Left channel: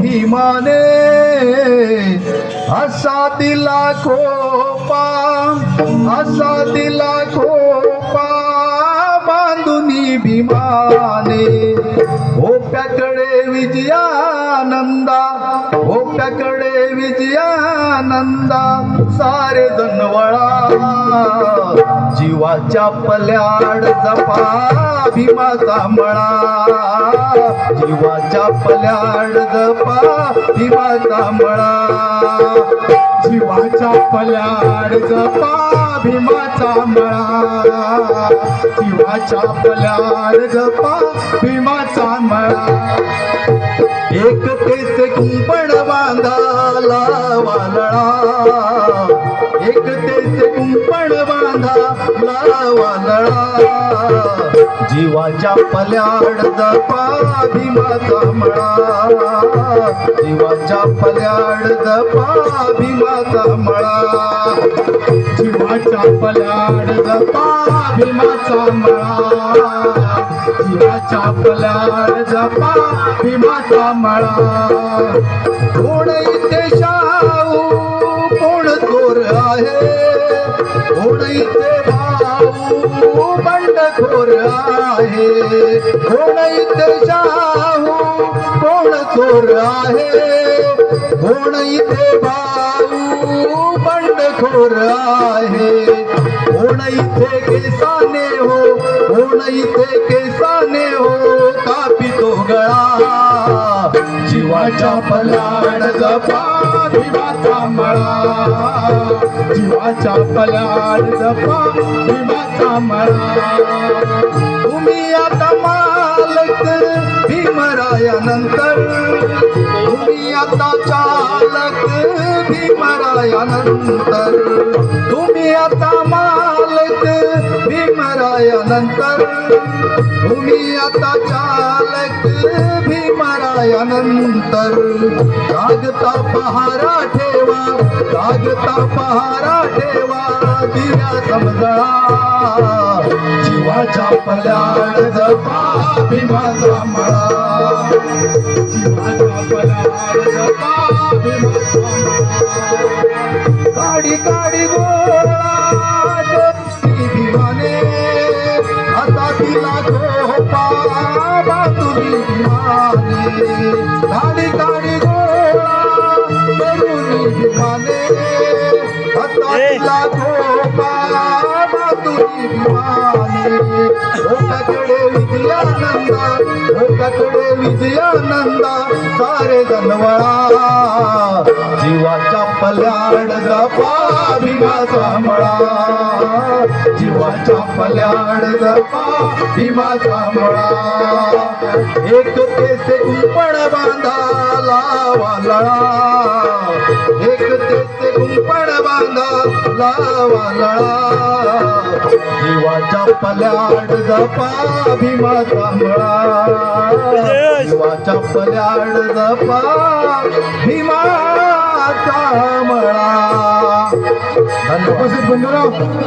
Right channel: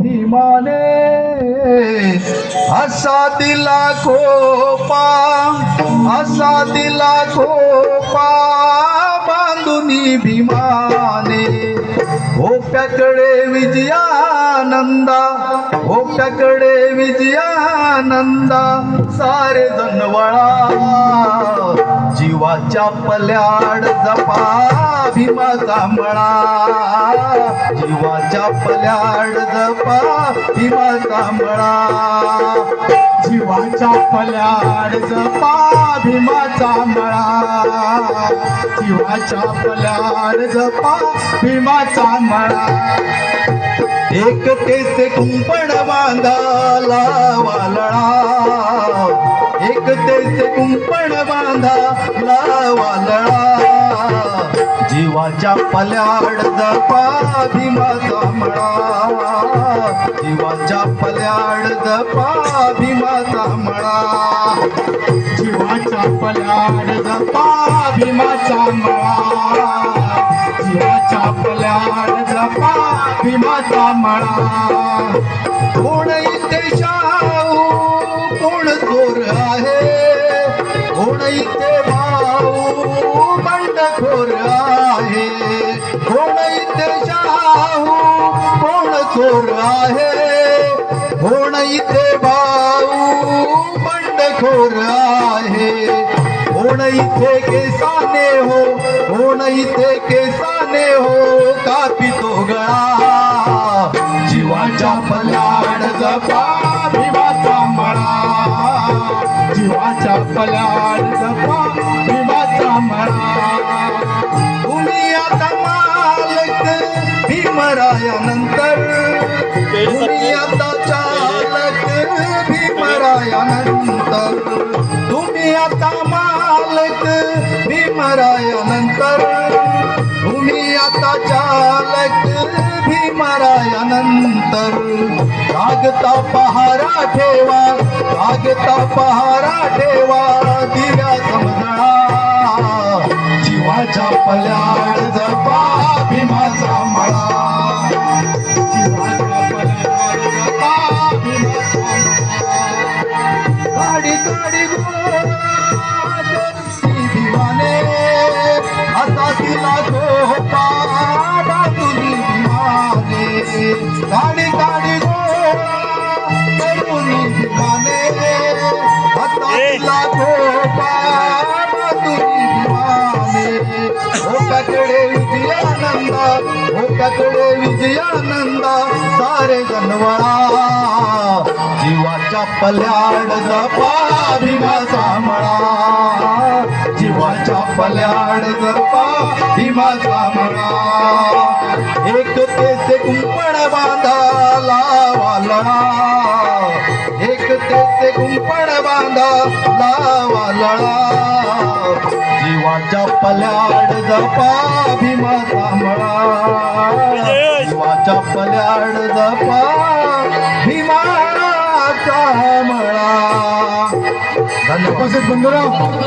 भीमाने असा दिला खोपा, असा दिला खोपा बांधुनी भीमाने. ओप्याकडे विजयानंदा, ओप्याकडे विजयानंदा सारे जण वळा. जीवाच्या पल्याड जपा भीमाचा मळा, जीवाच्या पल्याड जपा भीमाचा मळा. जीवाच्या पल्याड जपा भीमाचा मळा, जीवाच्या पल्याड जपा भीमाचा मळा. एकतेचे कुंपण बांधा लावालळा, एकतेचे कुंपण बांधा लावालळा. जीवाच्या पल्याड जपा भीमाचा मळा, जीवाच्या पल्याड जपा भीमाचा मळा. जीवाच्या पल्याड जपा भीमाचा मळा, जीवाच्या पल्याड जपा भीमाचा मळा. कोण इथे शाहू कोण चोर आहे, कोण इथे भाऊ बंडखोर आहे. कोण इथे शाहू कोण चोर आहे, कोण इथे भाऊ बंडखोर आहे. कोण इथे केसाने हो, कोण इथे केसाने हो कापितो गळा. जीवाच्या पल्याड जपा भीमाचा मळा, जीवाच्या पल्याड जपा भीमाचा मळा. तुम्ही आता मालक भीमरायानंतर, तुम्ही आता चालक भीमरायानंतर. तुम्ही आता मालक भीमरायानंतर, तुम्ही आता चालक भीमरायानंतर. जागता पहारा ठेवा, जागता पहारा ठेवा दिव्या समजळा. जीवाच्या पल्याड जपा भीमाचा मळा, जीवाच्या पल्याड जपा भीमाचा मळा. काडी काडी गोळा भीमाने असा दिला झोपा बांधुनी भीमाने. काडी काडी गोळा करुनी भीमाने असा दिला झोपा बांधुनी भीमाने. ओकाकडे विजयानंदा, ओकाकडे विजयानंदा सारे जनवळा. जीवाच्या पल्याड जपा भीमाचा मळा, जीवाच्या पल्याड जपा भीमाचा मळा. एकतेचे कुंपण बांधा लावालळा, एकतेचे कुंपण बांधा लावालळा. जीवाच्या पल्याड जपा भीमाचा मळा, जीवाच्या पल्याड जपा भीमाचा मळा. धन्यवाद. बंधुराव.